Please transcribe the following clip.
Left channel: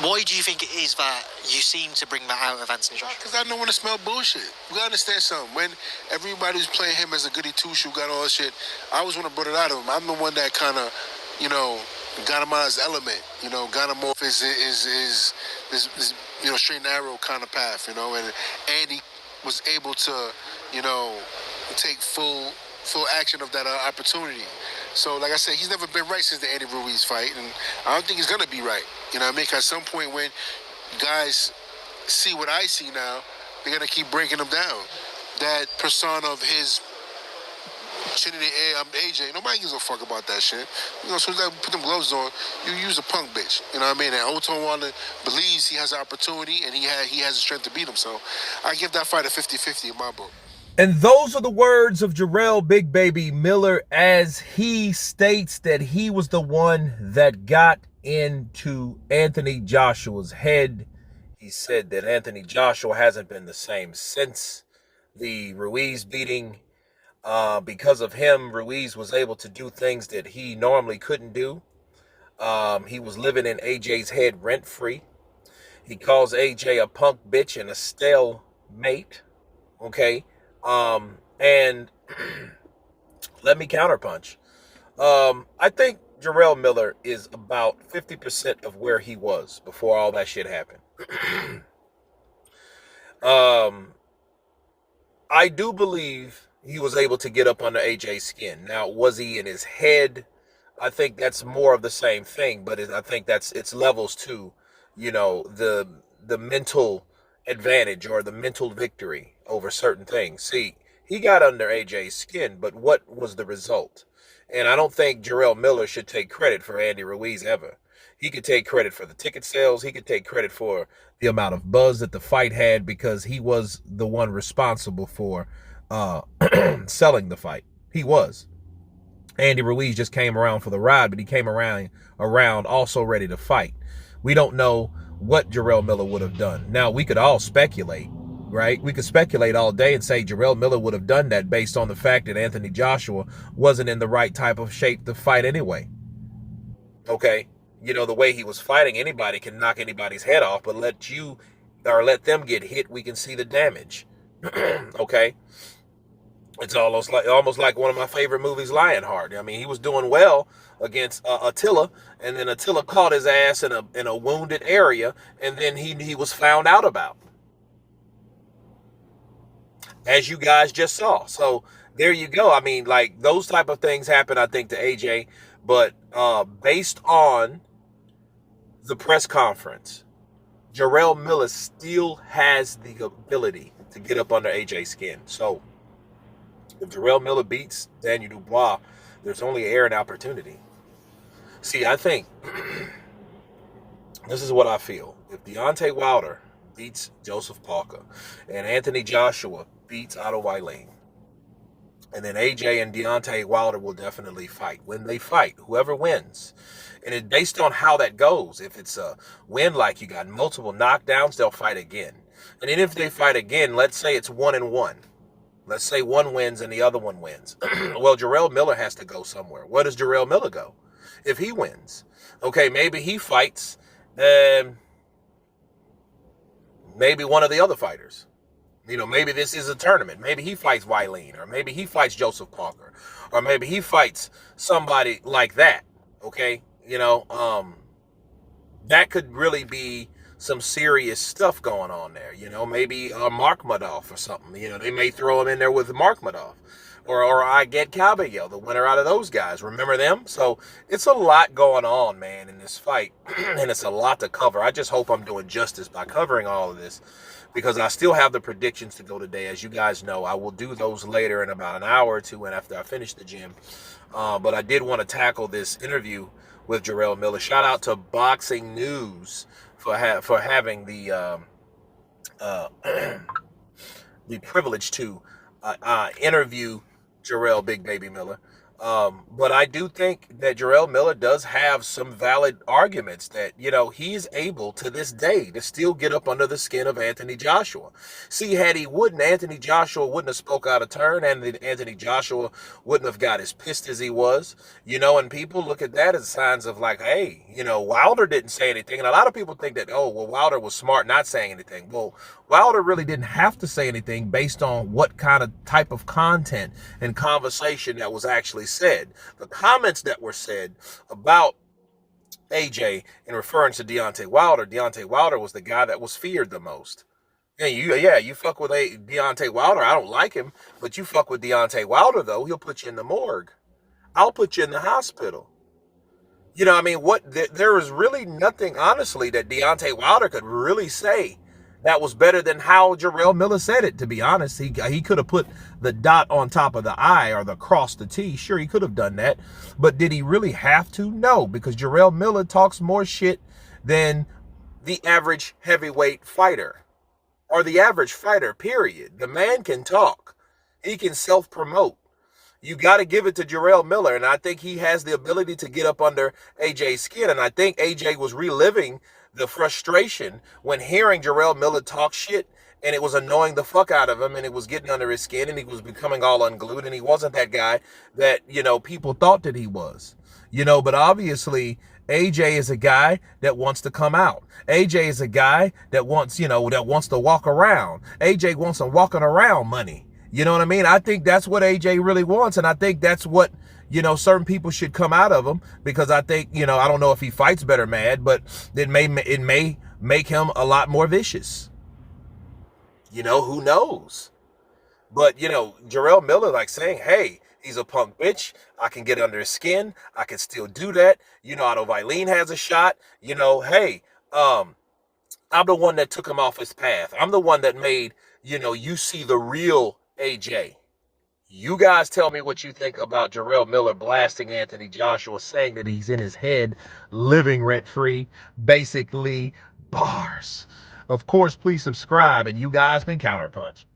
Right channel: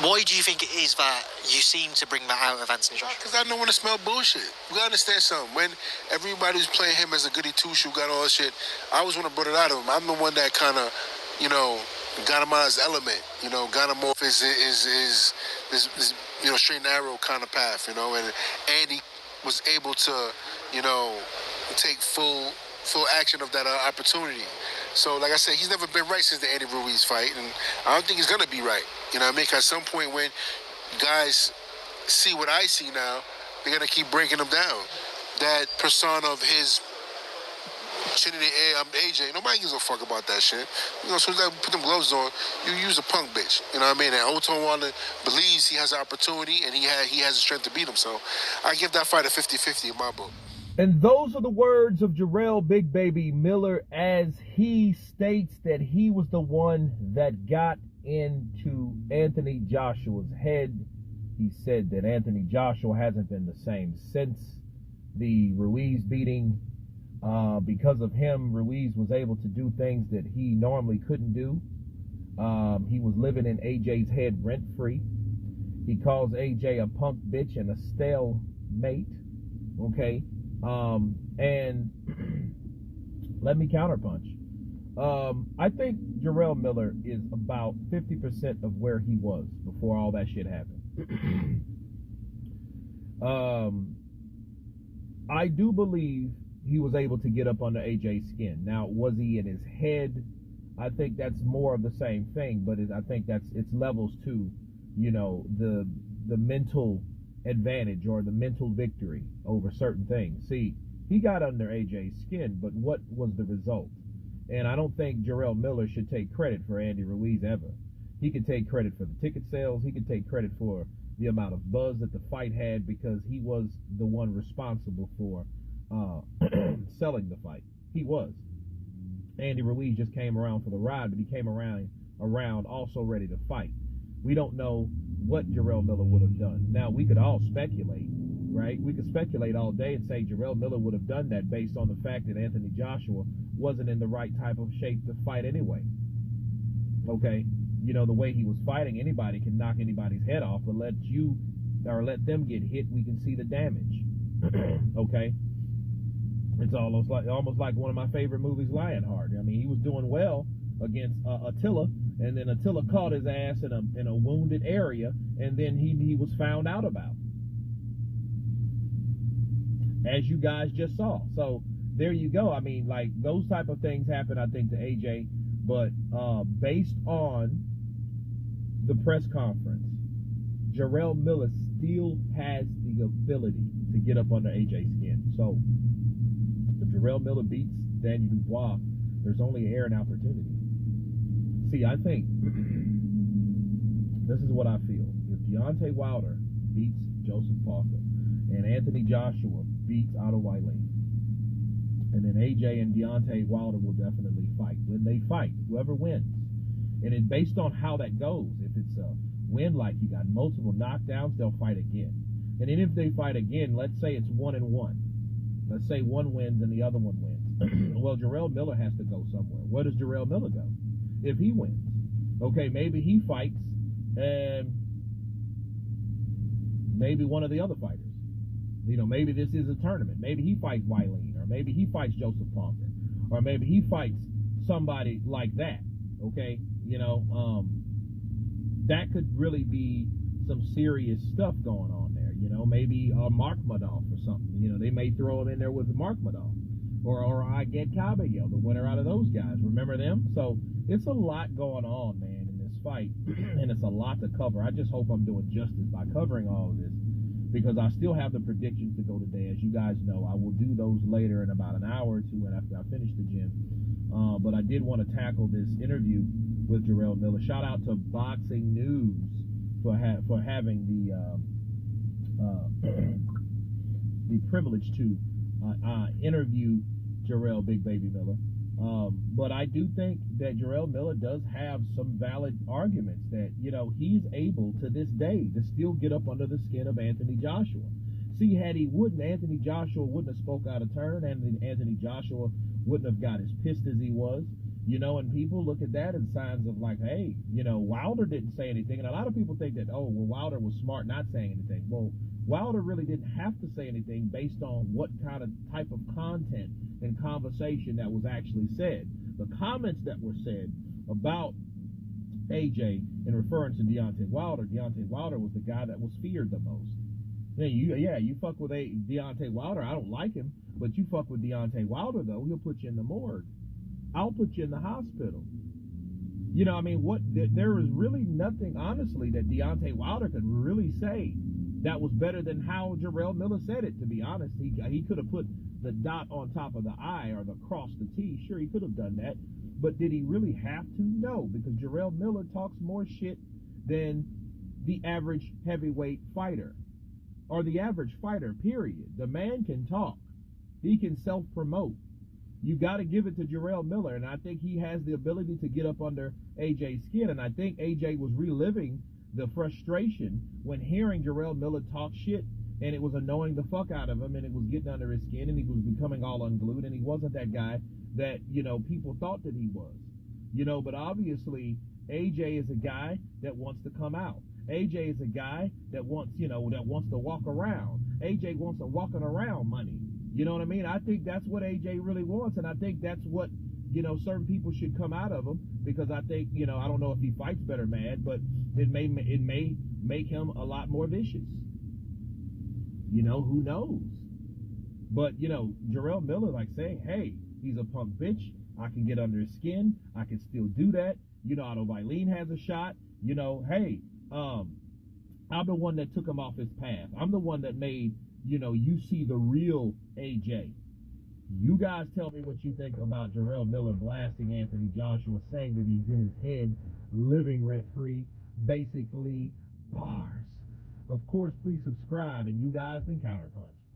Why do you think it is that you seem to bring that out of Anthony Joshua? Because I don't want to smell bullshit. We gotta understand something. When everybody was playing him as a goody two shoe, got all that shit, I was one that brought it out of him. I'm the one that kind of, got him out of his element. Got him off his straight and narrow kind of path. And Andy was able to, take full action of that opportunity. So, like I said, he's never been right since the Andy Ruiz fight, and I don't think he's gonna be right. You know what I mean? Because at some point when guys see what I see now, they're gonna keep breaking him down. That persona of his chin in the air, I'm AJ. Nobody gives a fuck about that shit. As soon as I put them gloves on, you use a punk bitch. You know what I mean? And Otto Wanda believes he has an opportunity and he has the strength to beat him. So I give that fight a 50-50 in my book. And those are the words of Jarrell Big Baby Miller as he states that he was the one that got into Anthony Joshua's head. He said that Anthony Joshua hasn't been the same since the Ruiz beating. Because of him, Ruiz was able to do things that he normally couldn't do. He was living in AJ's head rent-free. He calls AJ a punk bitch and a stale mate. Okay? And let me counterpunch. I think Jarrell Miller is about 50% of where he was before all that shit happened. I do believe he was able to get up under AJ's skin. Now, was he in his head? I think that's more of the same thing, but I think it's levels to, the mental advantage or the mental victory over certain things. See, he got under AJ's skin, but what was the result? And I don't think Jarrell Miller should take credit for Andy Ruiz ever. He could take credit for the ticket sales. He could take credit for the amount of buzz that the fight had because he was the one responsible for selling the fight. He was. Andy Ruiz just came around for the ride, but he came around also ready to fight. We don't know what Jarrell Miller would have done. Now, we could all speculate, right? We could speculate all day and say Jarrell Miller would have done that based on the fact that Anthony Joshua wasn't in the right type of shape to fight anyway. Okay? The way he was fighting, anybody can knock anybody's head off, but let them get hit, we can see the damage. Okay? It's almost like one of my favorite movies, Lionheart. I mean, he was doing well against Attila, and then Attila caught his ass in a wounded area, and then he was found out about, as you guys just saw. So there you go. I mean, like, those type of things happen, I think, to AJ, but based on the press conference, Jarrell Miller still has the ability to get up under AJ's skin. So if Jarrell Miller beats Daniel Dubois, there's only air and opportunity. See, I think this is what I feel. If Deontay Wilder beats Joseph Parker and Anthony Joshua beats Otto Wallin, and then AJ and Deontay Wilder will definitely fight. When they fight, whoever wins, and it's based on how that goes. If it's a win, like you got multiple knockdowns, they'll fight again. And then if they fight again, let's say it's 1-1. Let's say one wins and the other one wins. Well, Jarrell Miller has to go somewhere. Where does Jarrell Miller go if he wins? Okay, maybe he fights maybe one of the other fighters. Maybe this is a tournament. Maybe he fights Wallin, or maybe he fights Joseph Parker, or maybe he fights somebody like that. Okay, that could really be some serious stuff going on there. Maybe Mark Madoff or something. They may throw him in there with Mark Madoff, or I get Cabello, the winner out of those guys. Remember them? So it's a lot going on, man, in this fight, and it's a lot to cover. I just hope I'm doing justice by covering all of this, because I still have the predictions to go today. As you guys know, I will do those later in about an hour or two and after I finish the gym. But I did want to tackle this interview with Jarrell Miller. Shout out to Boxing News for having the privilege to interview Jarrell Big Baby Miller. But I do think that Jarrell Miller does have some valid arguments that, he's able to this day to still get up under the skin of Anthony Joshua. See, had he wouldn't, Anthony Joshua wouldn't have spoke out of turn, and Anthony Joshua wouldn't have got as pissed as he was, and people look at that as signs of like, hey, Wilder didn't say anything. And a lot of people think that, oh, well, Wilder was smart not saying anything. Well, Wilder really didn't have to say anything based on what kind of type of content and conversation that was actually said. The comments that were said about AJ in reference to Deontay Wilder was the guy that was feared the most. You fuck with Deontay Wilder. I don't like him, but you fuck with Deontay Wilder, though, he'll put you in the morgue. I'll put you in the hospital. There is really nothing, honestly, that Deontay Wilder could really say that was better than how Jarrell Miller said it, to be honest. He could have put the dot on top of the I or the cross the T. Sure, he could have done that. But did he really have to? No, because Jarrell Miller talks more shit than the average heavyweight fighter. Or the average fighter, period. The man can talk. He can self-promote. You got to give it to Jarrell Miller, and I think he has the ability to get up under AJ's skin, and I think AJ was reliving the frustration when hearing Jarrell Miller talk shit, and it was annoying the fuck out of him, and it was getting under his skin, and he was becoming all unglued, and he wasn't that guy that, people thought that he was. But obviously, AJ is a guy that wants to come out. AJ is a guy that wants to walk around. AJ wants some walking around money. You know what I mean? I think that's what AJ really wants, and I think that's what, certain people should come out of him, because I think, I don't know if he fights better mad, but it may make him a lot more vicious. Who knows? But, Jarrell Miller, like, saying, hey, he's a punk bitch. I can get under his skin. I can still do that. Otto Vailene has a shot. Hey, I'm the one that took him off his path. I'm the one that made, you see the real AJ. You guys tell me what you think about Jarrell Miller blasting Anthony Joshua, saying that he's in his head, living rent-free, basically bars. Of course, please subscribe, and you guys can counterpunch.